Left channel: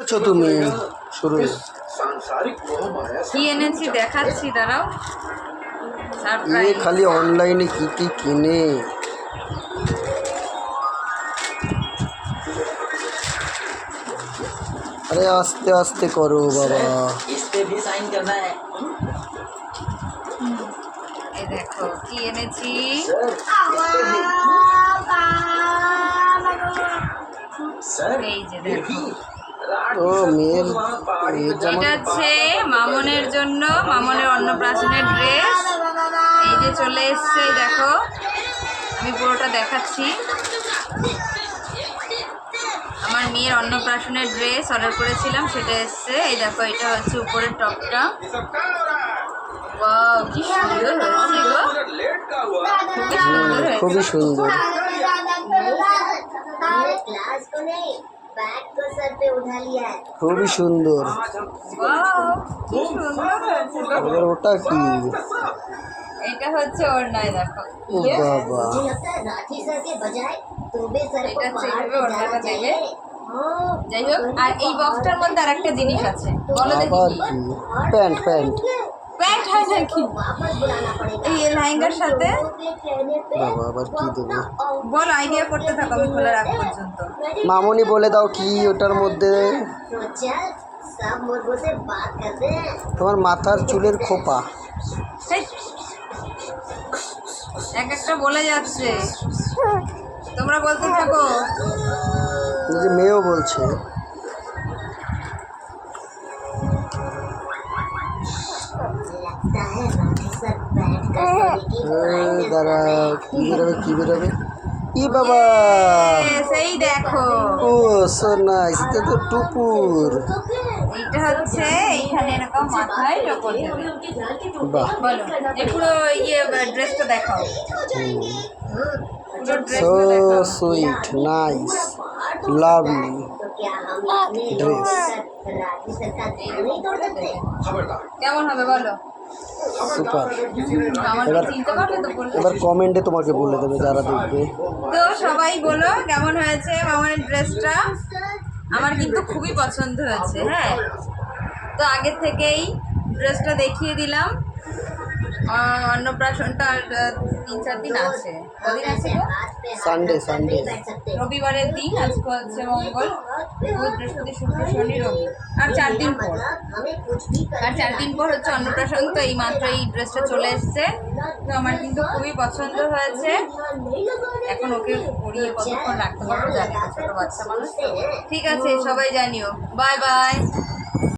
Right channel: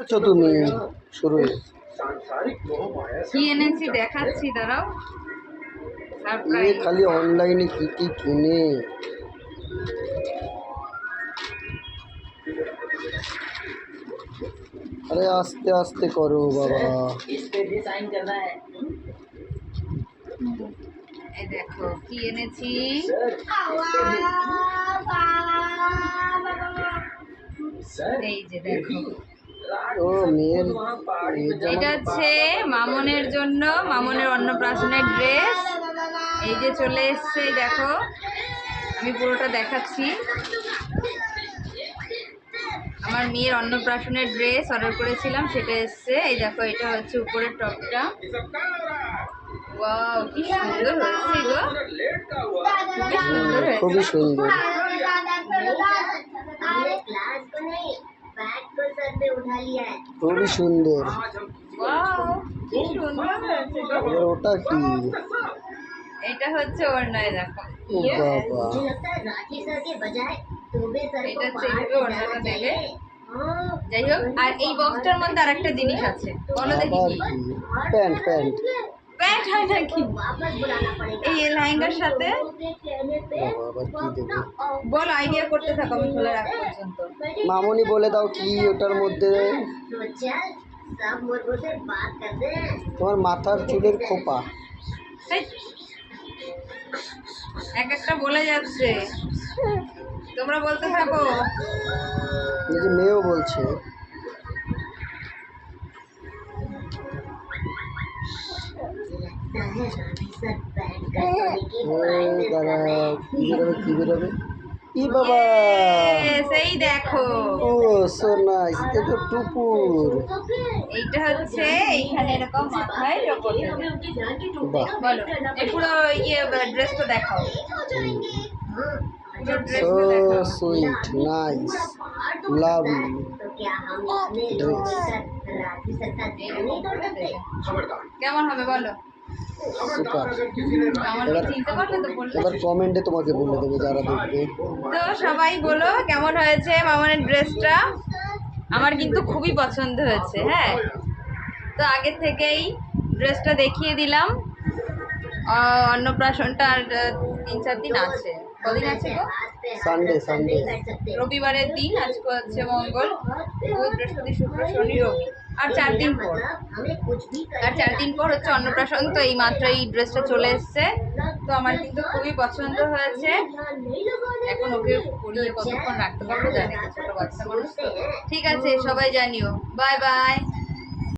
আছো তুমি শুরু কি এনেছি দেখাচ্ছি, দাঁড়াও। ये সারপ্রাইজ। खाली ऑनलाइन की किने अरे आस्ते आस्ते करो बाबा इस पे भी साइन करना है এই দেখো কি এনেছি। सर এই যে দেখো, ओ मेर এটা হচ্ছে মামনের জন্য, মামনের অন্নপ্রাশনের ড্রেস। এই যে চলে এসছে, এই দেখো আমি পুরোটা দেখাচ্ছি। আমার মেয়ের অন্নপ্রাশনের ড্রেস অর্ডার করেছিলাম, সেটা এসছে। এই দেখো, এটা হচ্ছে উপরের টপটা। ওয়াও, কি সুন্দর হয়েছে গো, খুবই সুন্দর হয়েছে। খুবই সুন্দর क्लास को नहीं बैग को सर पे उठा लिया है। খুবই সুন্দর ওয়াও, কি সুন্দর হয়েছে গো। এবার ওটা কি এটা হচ্ছে ওড়নায়, দেখো। ও বাবা मुझे लगता है राठी सर के बजाय तुम्हें सर को এটা पहाड़ চেপে पे ওড়নাটা जाना দেবে। चाहिए। हाँ, যাই হোক, আর এই বক্সটার মধ্যে আরেকটা জিনিস আছে, বলো দেখি আবার কি। কি প্যান্ট প্যান্ট প্যান্ট হয় নাকি? वापस बुलाना पड़ेगा। এই লেহেঙ্গার সাথে के कहने पे বাবা আবার কি দেবে বল, আইডিয়া করতে থাকো, আমি খোলা রাখ পর্যন্ত। মামনি বলে দাও কি ওটার মধ্যে तो चल सब मुर्गों से बात करते हैं। তোমার মাথার চুলের খোপা হেই, এক একটা বলে যাচ্ছে, তোমরা বলতে থাকো। এই যে মেয়েও বলছে लगता है राठी सर बैठ कर सोने की practice कर দাঁড়া रहे हैं। কি বেরোবে কি বেরোবে ই বাবা সেই দেখো, ও সো নাইস এটা তো টুপুর এইটা হচ্ছে এইখানে এরকম মাথায় টপর দেবে। বাহ বলো, এই পুরো ড্রেসটা দেখাও, পুরো সো ড্রেসটা দেখাও। সুইট নাইস লাভলি तो क्या हम इतने Dress. मिलकर राठी सर का दिल नहीं तोड़ सकते? কেমন হবে বলো? সুপার আমার চিনতে পারবে তো বললে। এবার কমেন্টে তোমাকে বলে দেবে যারা দেখবে তো সবাই বলো কেমন হয়েছে মামনের ড্রেসটা। আমার কিন্তু খুবই পছন্দ হয়েছে। হ্যাঁ, তো আগের থেকেই ড্রেসটা দেখিয়ে দিলাম। অন্নপ্রাশনটা আর 3-4 দিন আছে। কদিন আছে গো? সানডে সানডে बैठ सकते রবিবারের দিন, আজকে হচ্ছে মঙ্গল, বুধ, বৃহস্পতি, শুক্র, শনি, রবি, আর 4 দিন পর। मतलब हमें कुछ भी আর 4 দিন পর হচ্ছে অন্নপ্রাশন। তো এই মাত্র এই ড্রেসটা চলে এসছে, তো আমার কিন্তু খুবই পছন্দ হয়েছে। ध्यान नहीं लगाने এখন ওকে পরিয়ে কতক্ষণ রাখতে পারবো জানি না, ছোট বাচ্চা মানুষ তো। ঠিক আছে, সবাই জানিও। Bye bye.